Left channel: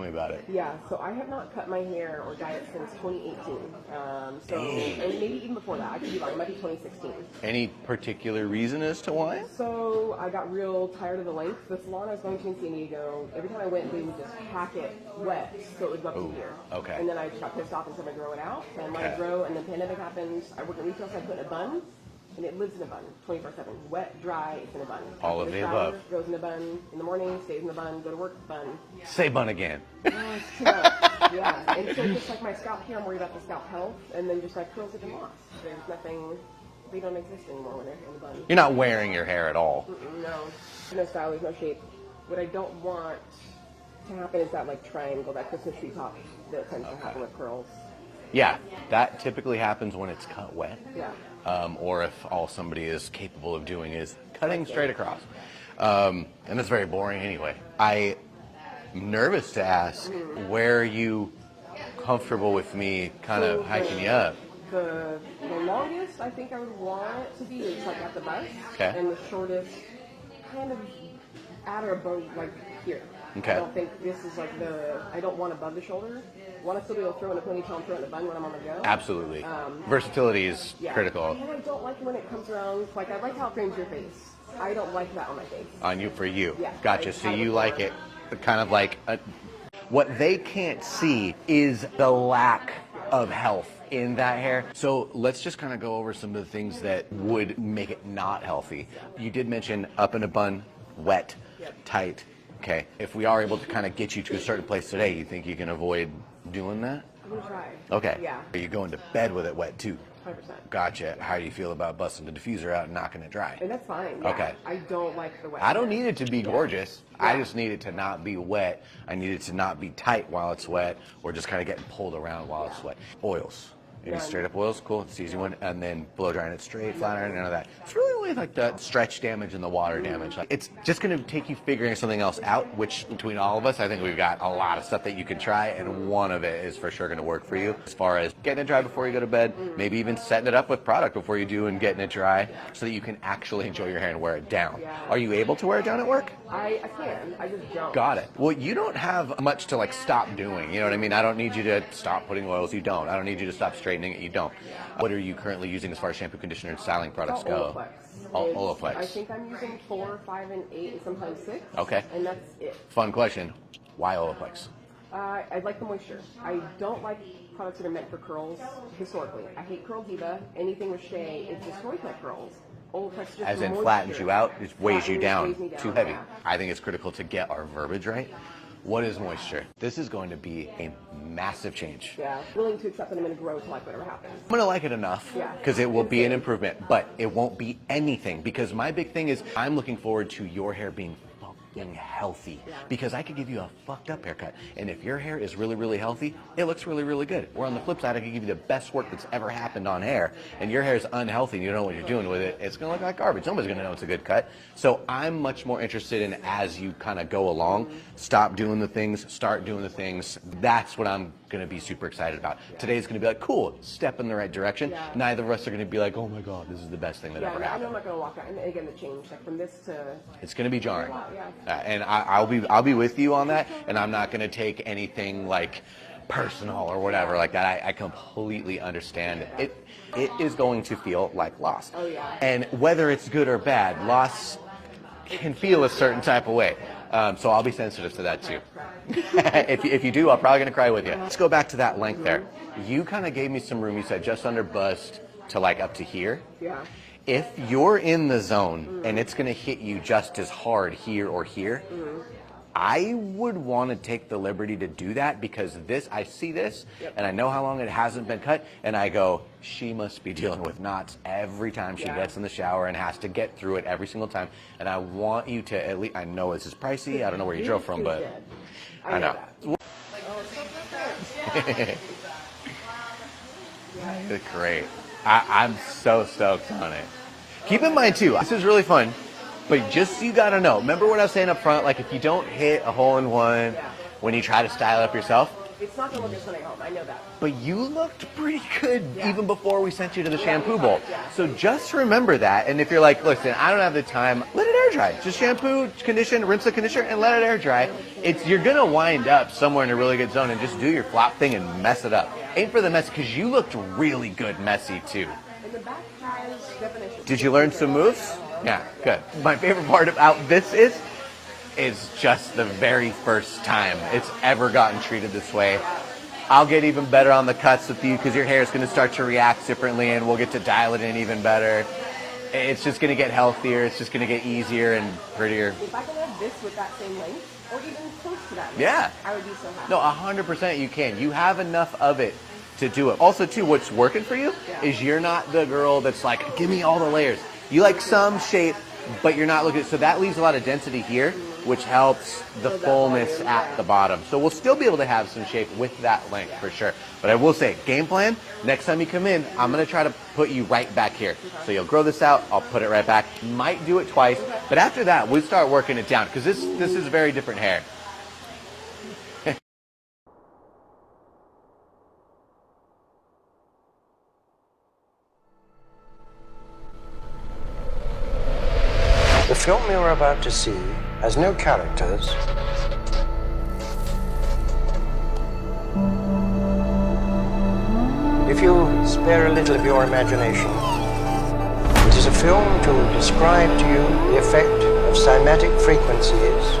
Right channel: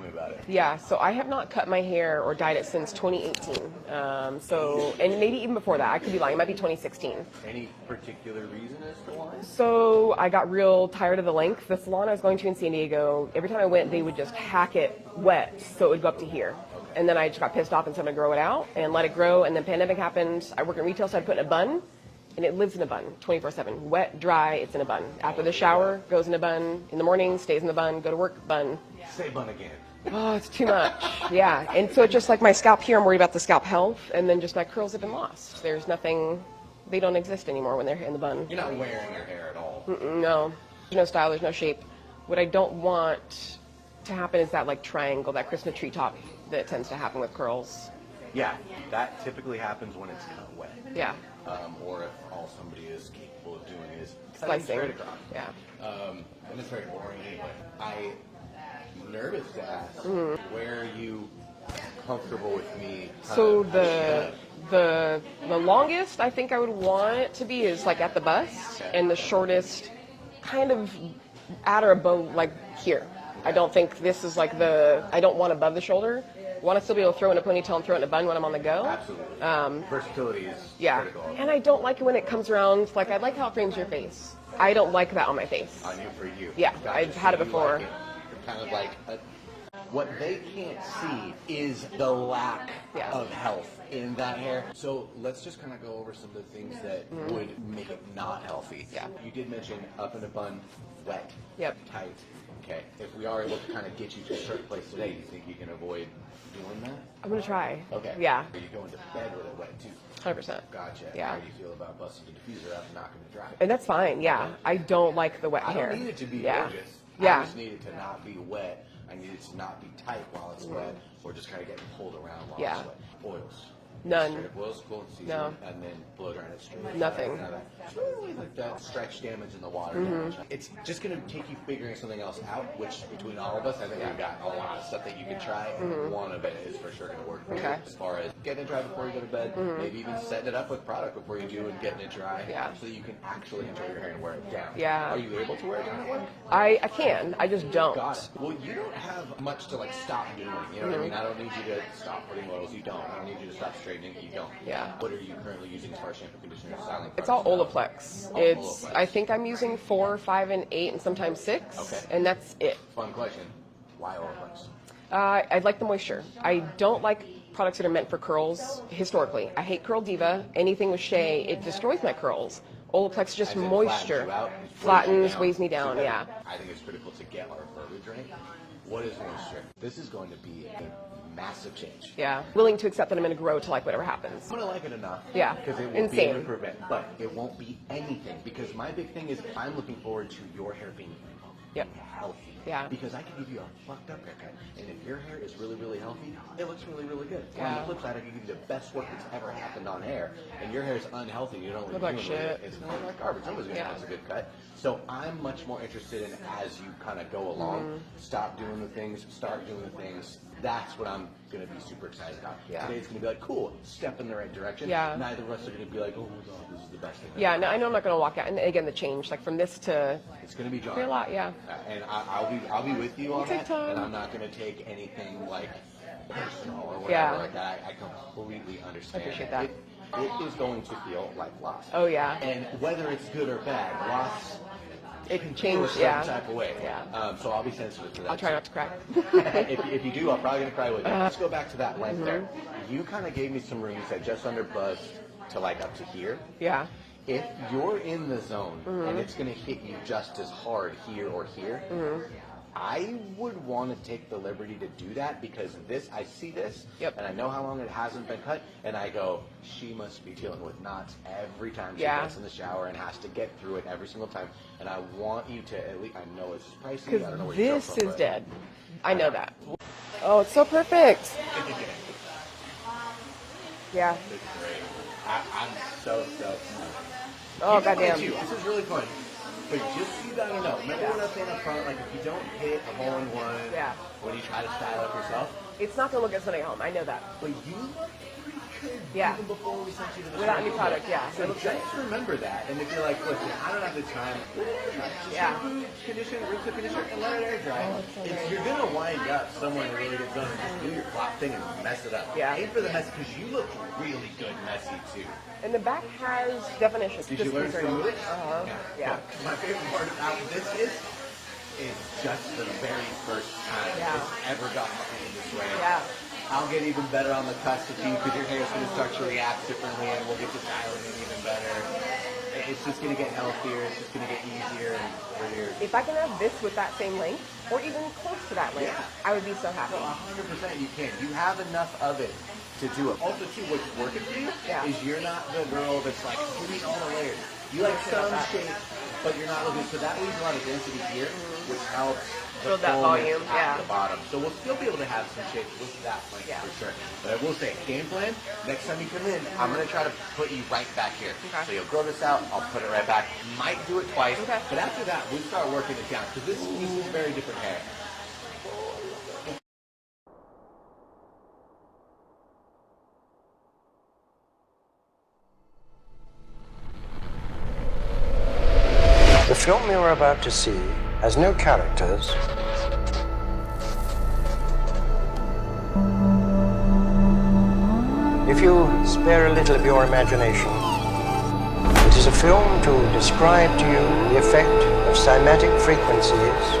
me about it. Yeah, so I have not cut my hair or dyed it since 2018. And maybe even before that. I could be lying. It might be 2016. Any particular reason as to why? So I got real tired of the length. The salon I was going to in San Diego, every time I went, they would just hack it wet so it would go up to here. Okay. And then I just got pissed off and said I'm going to grow it out and let it grow. And then pandemic happened. I work in retail, so I put in a bun. And it lives in a bun 24/7. Wet, dry, it's in a bun. After the shower, goes in a bun. In the morning, stays in the bun. Go to work, bun. Say bun again. Oh, it's too much. Yeah. And so just like my scalp here, I'm worried about the scalp health. And then just my curls have been lost. There's nothing, they don't exist anymore when they're in the bun. You're not wearing your hair at all. No. There's no style, there's no shape. What I don't want to happen is that like triangle, that Christmas tree top that tends to happen with curls. Yeah, that typically happens when it's cut wet. Yeah. Or if all somebody is capable of doing is cutting Slicing. straight across. Yeah. And it's very boring anyway. I'm nervous to ask, where are you comfortable with me kind of hiking you up? The longest I think I would want it to be is like at the bust, Okay. and the shortest kind of at or above like here. Okay. I don't think this is like I don't want above the shoulder. I want to still be able to throw in a ponytail and throw it in a bun when I'm on the go. Absolutely. Versatility is critical. And I don't like it when it comes around, like I like how it frames your face. I don't like that on my face. On you for you. Yeah, Gotcha. I've So had it you before. like it kind of like what they can't see is the lack of health in that hair. So let's just kind of go over some of the things that would make it not healthy. Yeah. You did mention up in a bun, wet, Yep. tight. Okay. If we are able to kind of get you to a certain place today, you think you can avoid doing that? I'm gonna try. Okay. Yeah. Are you going to bed with it wet too? 100%. Gotcha. Yeah. How do you feel about busting the diffuser out and knocking it dry? And that's fine. Yeah. Okay. I don't like the wet. I don't hair. need it to be Yeah. gorgeous. Yeah. I just need it to not be wet. I need it to not be tight while it's wet, or just kind of getting pulled around while it's wet. Oils. You None. straight up oils, cool. It's easy No. one, and then blow drying it straight, flat iron, Nothing. none of that. It's really only like the stretch damage and the water damage. It's just going to take you figuring something else out. Which between all of us, I think we've got a lot of stuff that you can try, and one of it is for sure going to work for you. As far as getting it dry before you go to bed, maybe even setting it up with product before you do and getting it dry, so that you can actually enjoy your hair and wear it down. Yeah. Are you able to wear it down at work? I can. I just don't. Got it. Well, you don't have much to like stop doing. You know what I mean? I don't need you to stop putting oils. You don't. I don't need you to stop straightening it. You don't. Yeah. What are you currently using as far as shampoo, conditioner, and styling It's products all go? Olaplex. Oh, It's, Olaplex. I think I'm using 4, 5, and 8, and sometimes 6. Okay. And that's it. Fun question. Why Olaplex? I like the moisture. I don't like products that are meant for curls historically. I hate Curl Diva. Anything with shea, it destroys my curls. Olaplex just As in moisture. flattens you out, it weighs you Flattens, down. weighs me Too down, heavy. yeah. I think it's critical to get our verbiage right. What is moisture? This is going to be a massive change. Yeah. Willing to accept that I'm going to grow to like whatever happens. I'm going to like it enough. Yeah. Because it will be an Insane. improvement, but it won't be anything. Because my big thing is I'm looking forward to your hair being healthy. Yeah. Because I could give you a fucked up haircut. And if your hair is really, really healthy, it looks really, really good. Or on the flip side, I could give you the best work that's ever happened on hair. And your hair is unhealthy and you don't know what you're doing with it. It's going to look like garbage. Nobody's going to know it's a good cut. So I'm much more interested in as you kind of go along, stop doing the things, start doing the things. That's what I'm going to be super excited about. Today's going to be like, cool, step in the right direction. Yeah. Neither of us are going to be like, oh my God, this is the best thing that Yeah, ever no, I happened. know I'm not going to walk out. And again, the change, like from this to... It's going to be jarring. a lot, yeah. And I'll be with you on that, and I'm not going to take anything like personal or whatever Yeah. like that. I completely understand. I appreciate It is going to feel like loss. Oh, yeah. And whether it's good or bad, loss can feel a certain type of way. So I'll be sensitive to that Try too. not to cry. if you do, I'm probably going to cry with you. Let's go back to that length there. You kind of gave me some room. You said just under bust to like up to here. Yeah. If you're in the zone and it's going to hit you just as hard here or here, I would want to take the liberty to do that because I see this and I know how long it hasn't been cut and I go, she must be dealing with knots every time she gets in the shower and has to get through it every single time. And I want you to at least, I know this is pricey, I don't know where you drove from, This is but dead. I know know. that. Oh, it's so perfect. Yeah. It's great. I'm so stoked on it. Oh, Keep in mind goddamn. too, this is really fun, but just so you gotta know, remember what I was saying up front, like if you don't hit a hole in one when you try to style up yourself, It's not going to look as Sunday home. I know that. But you looked pretty good Yeah. even before we sent you to the Yeah, shampoo good bowl. product, yeah. So just remember that. And if you're like, listen, I don't have the time, let it air dry. Just Yeah. shampoo, condition, rinse the conditioner, and let it air dry. You're gonna wind up somewhere in a really good zone and just do your flop thing and mess it up. Yeah. Ain't for the mess, because you looked really good messy too. And the back has definition. Did you learn some moves? Yeah, good. My favorite part about this is just the very first time it's ever gotten treated this way. Yeah. I'll get even better on the cuts with you because your hair is going to start to react differently, and we'll get to dial it in even better. It's just going to get healthier. It's just going to get easier and prettier. If I can have this with that same length, or even close to that length, Yeah. I would be so happy. No, 100% you can. You have enough of it to do it. Also, too, what's working for you Yeah. is you're not the girl that's like, give me all the layers. You like some shape, but you're not looking. So that leaves a lot of density here, which helps the Build that fullness volume, at yeah. the bottom. So we'll still be able to have some shape with that length for sure. But I will say, game plan, next time you come in, I'm going to try to put you right back here. Okay. So you'll grow this out, I'll put it right back. Might do it twice, Okay. but after that, we start working it down because this is very different hair. The film you're about to see has no characters. If you spare a little of your imagination, it is a film to describe to you the effect of cymatic frequencies